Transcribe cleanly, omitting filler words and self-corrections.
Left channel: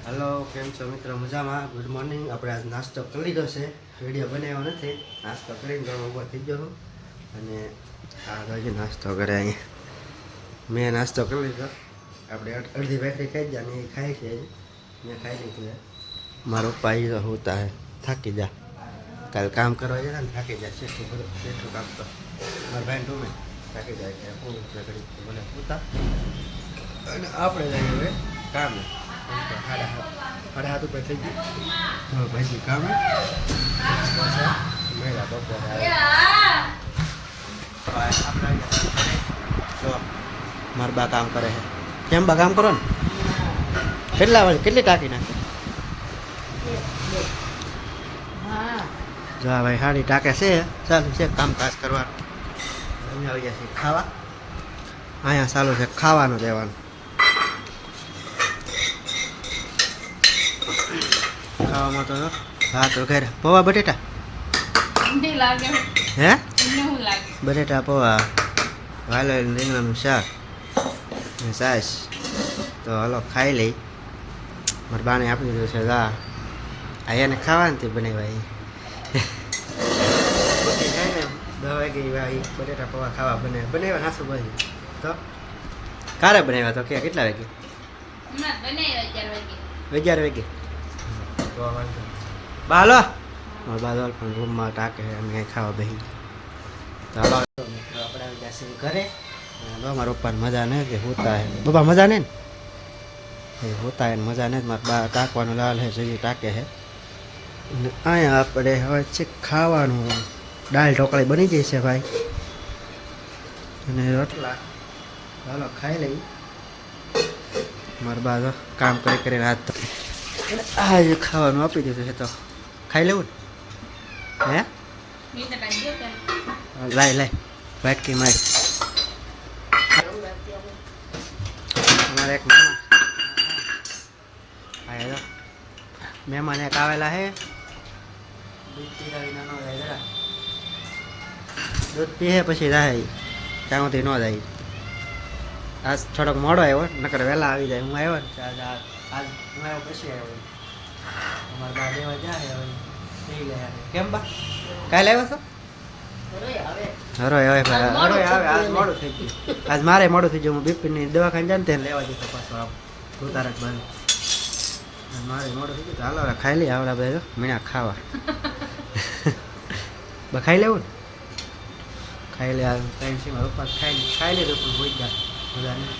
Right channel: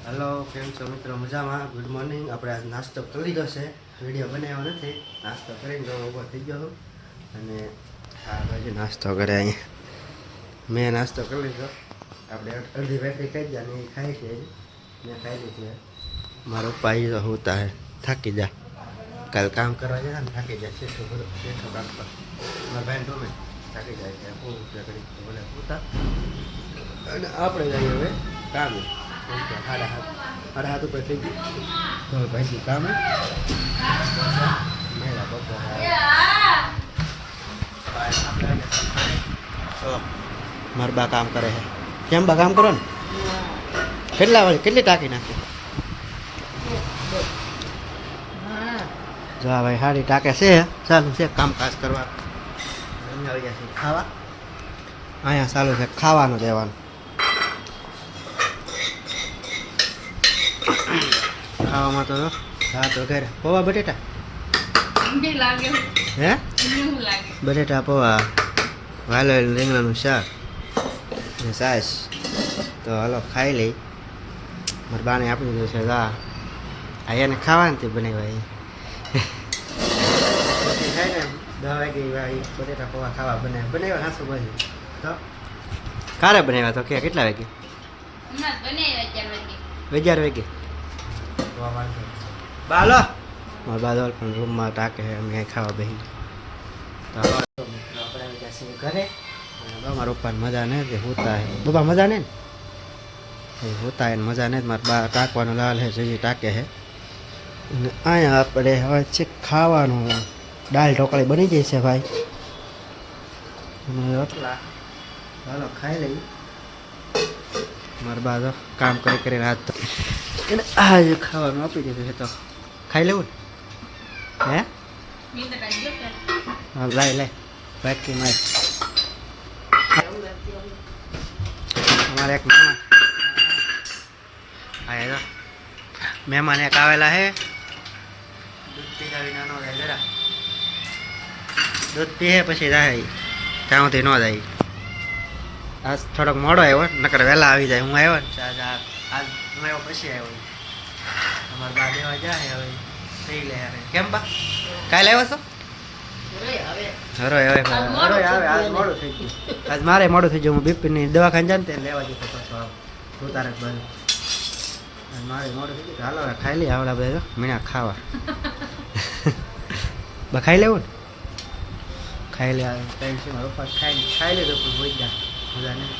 Hello, કેમ છો મિત્રો? મજામાં? Good morning. આપણે આજ નાસ્તો કરી લીધો છે, વિડીયો બનાવ્યો નથી. નાસ્તો કરીને તો ઊભો થઈ ગયો છું અને આ બાજુ નાસ્તો કરે અહીંયા. મેં નાસ્તો કરી લીધો. આપણે અડધી બેટરી ખાઈ ગયા ને એ ખાઈ છે. મેં ખાઈ લીધું. મારો પાઈ તો હોતા હે, થાકી જા. કાલ કામ કરવા ગયા ને થાકી જાય. બેઠો કામ પર મારા ભાઈ ટોમે થાકી જાય કે હું ઘડી બોલે હોતા. અને આપણે જઈએ હવે કામે. સાડા હાથ ઉપર થઈ ગયું તો ભાઈ કામ મેળા બપોર મારા બા કામ કરે છે. કેમ બા કામ કરો ને? કેટલી ટાંકી નાખે? જો ભાઈ સાડી ટાંકે છે. ચાલુ છે કામકાજ કરવા. અમે આવી ગયા છીએ ખાવા. અહીંયા ચાલુ છે ખાવાનું દેવાનું. ખાવામાં તો ભાત વગેરે પૌવા બટેટા હે બટેટા પૌવા વાલોલ રીંગણાનું શાક ને છાશ. તો હલો ખાઈ લઈ. મારા બાને આપી દીધું છે. આ એને ખાવાનું તે બનાવ્યા પછી થાય ને 10 વાગે ભાઈ બટેટા પૌવા ખાવા બનાવ્યા નાસું બની તો કારે બનાવ્યા તો કે કેટલા વાગે? 11 વાગે. બાલો મારા બાદલ પણ રૂમમાં ટાકે અમે ખાવા બેસી. તો મિત્રો આપણે આવી ગયા છીએ ઘરે. મારા પપ્પાને મજા નહીં કે હોતા હે પપ્પા મજા નહીં ને એ હોતા હે મજા નહીં. મારા બા ટાંકવાનું લાલ હે જોઈએ ટાંકે હે. અને અહીંયા આપણે હવે છે ખાવાનું. દાળ ઢોકળી બની જાય છે ભાઈ અને રોટલા. ચાલો ખાઈ લઈ. મારા બા તો કામ કરીને હાથ તો એને આ ખાવાનું આપી દીધું છે તો ખાઈ લેવું ને? હે લાય વાટકી માર. અમારે એક મહેમાન એક આવેલા હે. દૂધ પીરાવી ન જાય જરા. દૂધ પીએ પછી જાય ત્યાંથી ન જાય. આજ થોડોક મોડો આવ્યો નકર વહેલા આવી જાય. હું આવ્યો ને આજ હું આવ્યો પછી આવ્યો. અમારા બા દેવા જાય હવે થઈ લે. કેમ બા કાલે આવ્યો છો? હરોય હવે હરોય આવે. આજ મોડું થઈ ગયું. આજ મારે મોડું થઈ ગયું. હું બીપીની દવાખાને જાને તેને લેવા જતો પાછો આવ ભૂતારક બાજુ. મારે મોડું થઈ ગયું તો હાલો ખાઈ લઈએ. આવડા બધા મીણા ખાવા બા ખાઈ લેવું ને? ખાઈ લે ટાઈમ છે મારા પપ્પા ખાઈ લીધું પણ હોય ગયા મજા નહીં.